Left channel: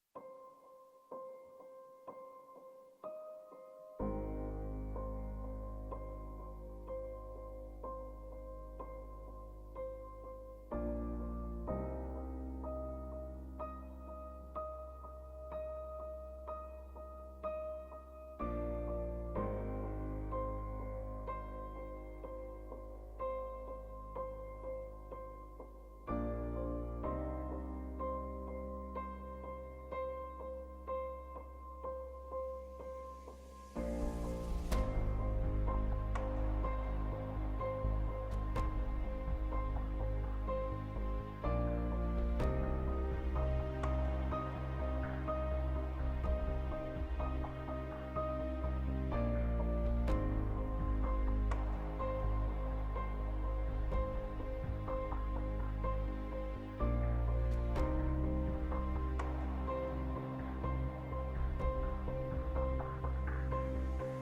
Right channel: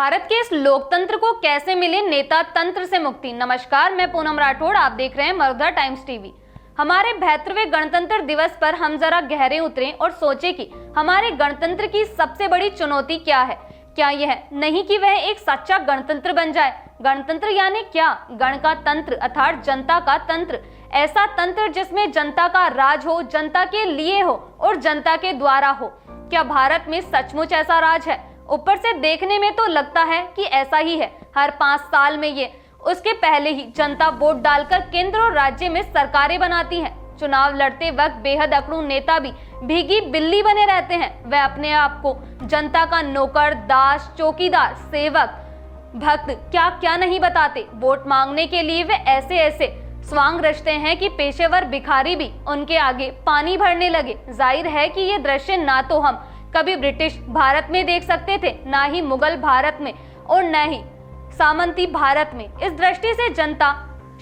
भारत के इस लोकतंत्र को कैसे मिले नेता तंत्र से मुक्ति। नमस्कार, मैं पूनम राठौड़, आप देख रहे हैं मरुधर टाइम्स टीवी। हमारे 72वें गणतंत्र दिवस पर हम जरा गहरे उतरें और सोचें कि हमारे गणतंत्र की सबसे बड़ी चुनौती क्या है। क्या यह नहीं कि वह एक सच्चा गणतंत्र बन जाए। गणतंत्र यानी क्या? गण का तंत्र अर्थात जनता का तंत्र, ऐसा तंत्र जिसमें जनता का राज हो, जनता के लिए हो और जनता के द्वारा हो। क्या भारत में सचमुच ऐसा राज है? ऊपर से देखने में तो लगता है कि ऐसा ही है। हर 5 साल में ये, उसके पहले ही जनता वोट डालकर केंद्र और राज्य में सरकारें बनाती है। चुनाव लड़ते वक्त बेहद अकड़ू नेता भी भीगी बिल्ली बने रहते हैं। वह अपने आप को जनता का नौकर, दास, चौकीदार, सेवक, भक्त क्या क्या नहीं बताते। वोट मांगने के लिए वे ऐसे ऐसे स्वांग रचते हैं कि पेशेवर भिखारी भी उनके आगे पानी भरने लगे। जाहिर है कि ये दृश्य ना तो हम कभी ब्रिटिश भारत में देख सकते थे, ना ही मुगल भारत में और न ही सामंती भारत में। इस दृष्टि से जनता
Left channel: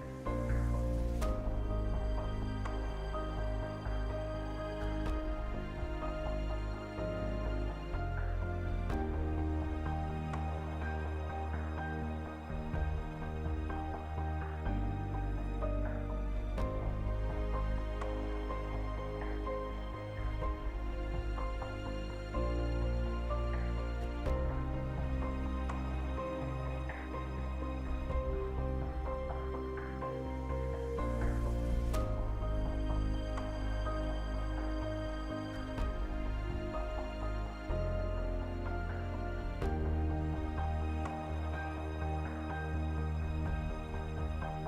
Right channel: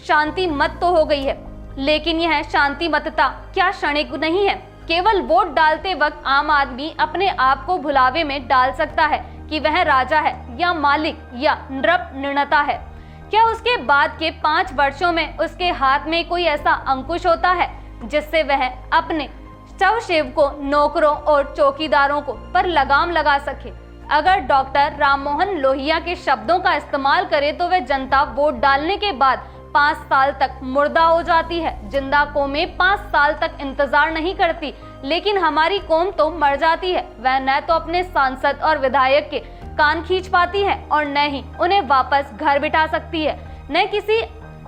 शांति मत तो हो गई है, लेकिन यह शांति मतता क्या क्षणिक नहीं है। केवल वोट डालते वक्त आम आदमी अपने आप को भुलावे में डाल सकता है कि वह राजा है या मालिक या नृप निर्णता है। क्या उसके बाद के 5 वर्षों में उसके हाथ में कोई ऐसा अंकुश होता है जिससे वह अपने सेवकों, नौकरों और चौकीदारों को पर लगाम लगा सके। अगर डॉक्टर राममोहन लोहिया के शब्दों का इस्तेमाल करें तो वह जनता वोट डालने के बाद 5 साल तक मुर्दा हो जाती है। जिंदा कौमें 5 साल तक इंतजार नहीं करती, लेकिन हमारी कौम तो मर जाती है। वह न तो अपने सांसद और विधायक के कान खींच पाती है और न ही उन्हें वापस घर बिठा सकती है, न किसी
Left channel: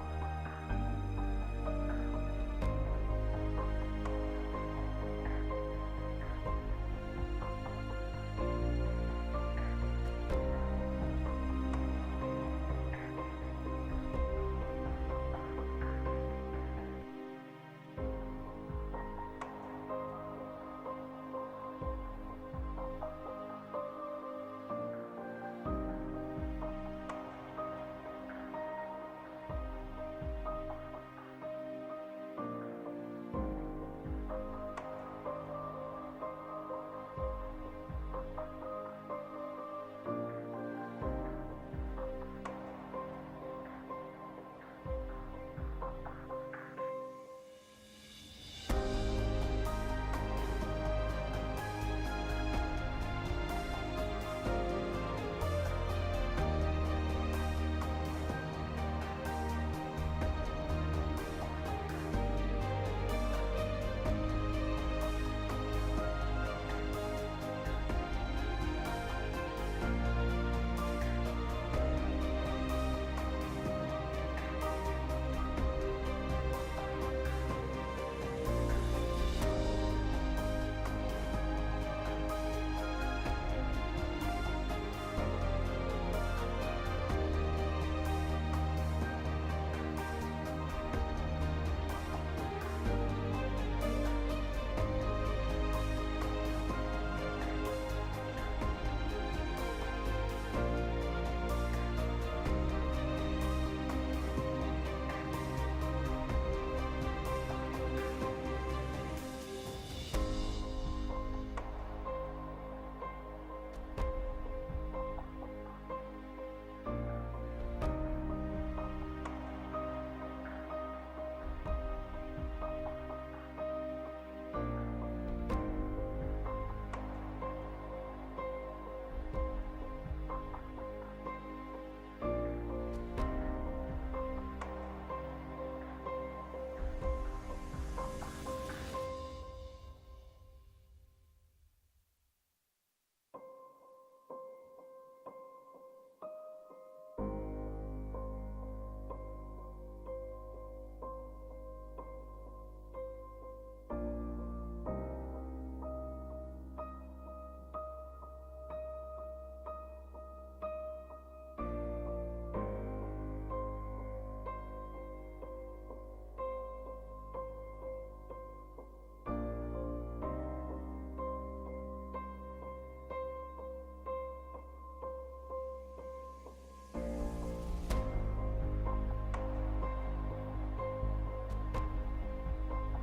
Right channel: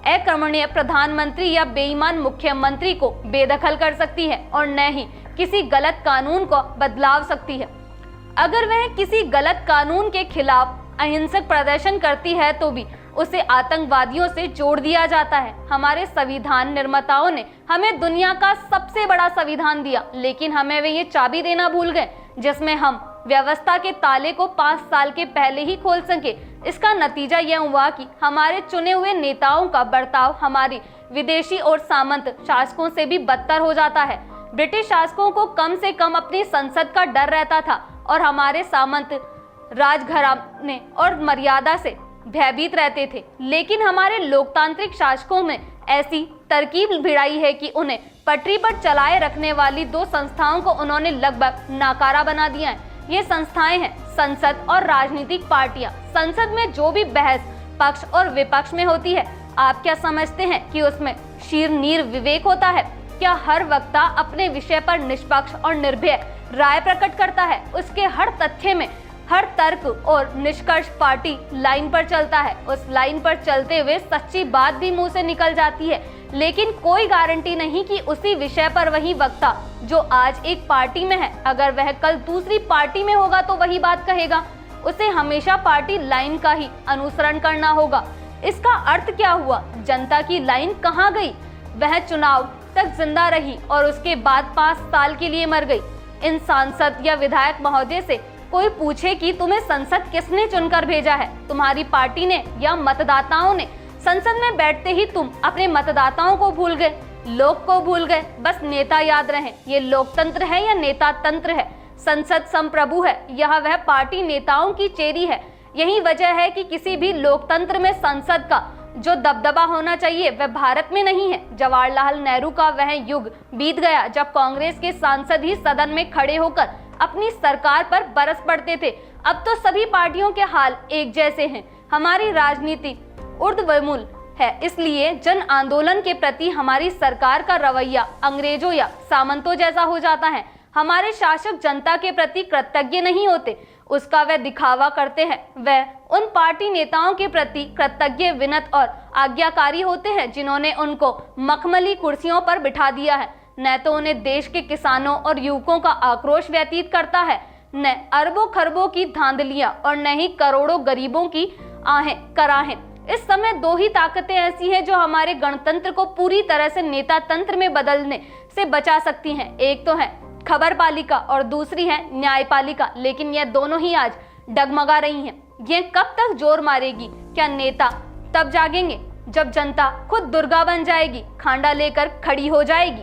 अकर्मण्य प्रधानमंत्री या बेईमान मुख्यमंत्री को बेदखल कर सकती है और न ही किसी गलत कानून को बदलाव सकती है। अगर वह किसी गलत कानून के खिलाफ अहिंसक प्रदर्शन करती है तो भी उसे आतंकवादियों से जोड़ दिया जाता है। हमारे संविधान निर्माताओं ने हमें दुनिया का सबसे बड़ा संविधान दिया, लेकिन हमें वे ये चाबी देना भूल गए जिसमें हम व्यवस्था के ताले को 5 साल के पहले ही खोल सके। इसका नतीजा यह हुआ कि हमारे चुने हुए नेताओं का बर्ताव हमारी विदेशी और सामंत शासकों से भी बदतर हो जाता है। ब्रिटिश शासकों को कम से कम अपनी संसद का डर रहता था और हमारे सामंत राजघराने और मर्यादा से भयभीत रहते थे, लेकिन हमारे लोकतांत्रिक शासकों में ऐसी तरकीब भिड़ाई है कि उन्हें पटरी पर चलाए रखने वाली 2 संस्थाओं को उन्होंने लगभग नाकारा बना दिया है। ये संस्थाएं हैं संसद और राजनीतिक पार्टियां। संसद में जो भी बहस पक्ष और विपक्ष में होती है, आप क्या समझते हैं कि उसमें शीर नीर विवेक होता है? क्या हर वक्ता अपने विषय पर निष्पक्ष और निर्भय राय प्रकट करता है? उसके हर तथ्य में, हर तर्क और निष्कर्ष पार्टी लाइन पर चलता है। उस लाइन पर चलते हुए सच्ची बात भी मुंह से निकल जाती है, लेकिन कोई गारंटी नहीं कि उसी विषय पर वही वक्ता जो आज एक पार्टी में है, अगर वह कल दूसरी पार्टी में होगा तो वही बात कहेगा। उसे हमेशा पार्टी लाइन का ही अनुसरण करना होगा। इसका अर्थ क्या हुआ? जनता की लाइन कहाँ गई? वह चुनाव तक जिंदा रही और उसके बाद 5 साल के लिए मर गई। इन सांसद या विधायक महोदय से कोई पूछे कि तुम्हें संसद किसने चुनकर भेजा है, तुम्हारी पार्टी ने या मतदाताओं ने? संसद में बैठते ही तुम अपने मतदाताओं को भूल गए, लोग को भूल गए, बस नेता याद रहे। ये लोकतंत्र है या नेता तंत्र है? संसद संप्रभु है, यह वह पार्टी नेताओं की चेरी है। यही वजह है कि किसी भी लोकतंत्र में संसद का जो दबदबा होना चाहिए वह भारत में नहीं है। जवाहरलाल नेहरू का वह युग बीत गया जब कांग्रेस के सांसद ही सदन में खड़े होकर अपनी सरकार पर बरस पड़ते थे। अब तो सभी पार्टियों के हाल एक जैसे हैं। हमारी राजनीति ऊर्ध्वमूल है, इसलिए जन आंदोलन के प्रति हमारी सरकार का रवैया अंग्रेजों या सामंतों जैसा हो जाता है। हमारे शासक जनता के प्रति कृतज्ञ नहीं होते, उसका वह दिखावा करते हैं। वह उन पार्टी नेताओं के प्रति कृतज्ञ, विनत और आज्ञाकारी होते हैं जिन्होंने उनको मखमली कुर्सियों पर बिठा दिया है। न तो उन्हें देश के किसानों और युवकों का आक्रोश व्यतीत करता है, न अरबों खरबों की धांधलियां और न ही करोड़ों गरीबों की आहें कराहें। इस समय 2 ही ताकतें ऐसी हैं जो हमारे गणतंत्र को पूरी तरह से नेता तंत्र में बदलने से बचा सकती हैं। एक तो है खबरपालिका और दूसरी है न्यायपालिका, लेकिन यह दोनों ही आज डगमगा रही हैं। यह कब तक जोर मारेगी? क्या नेता तब जागेंगे जब जनता खुद दुर्गा बन जाएगी, खांडा लेकर खड़ी हो जाएगी?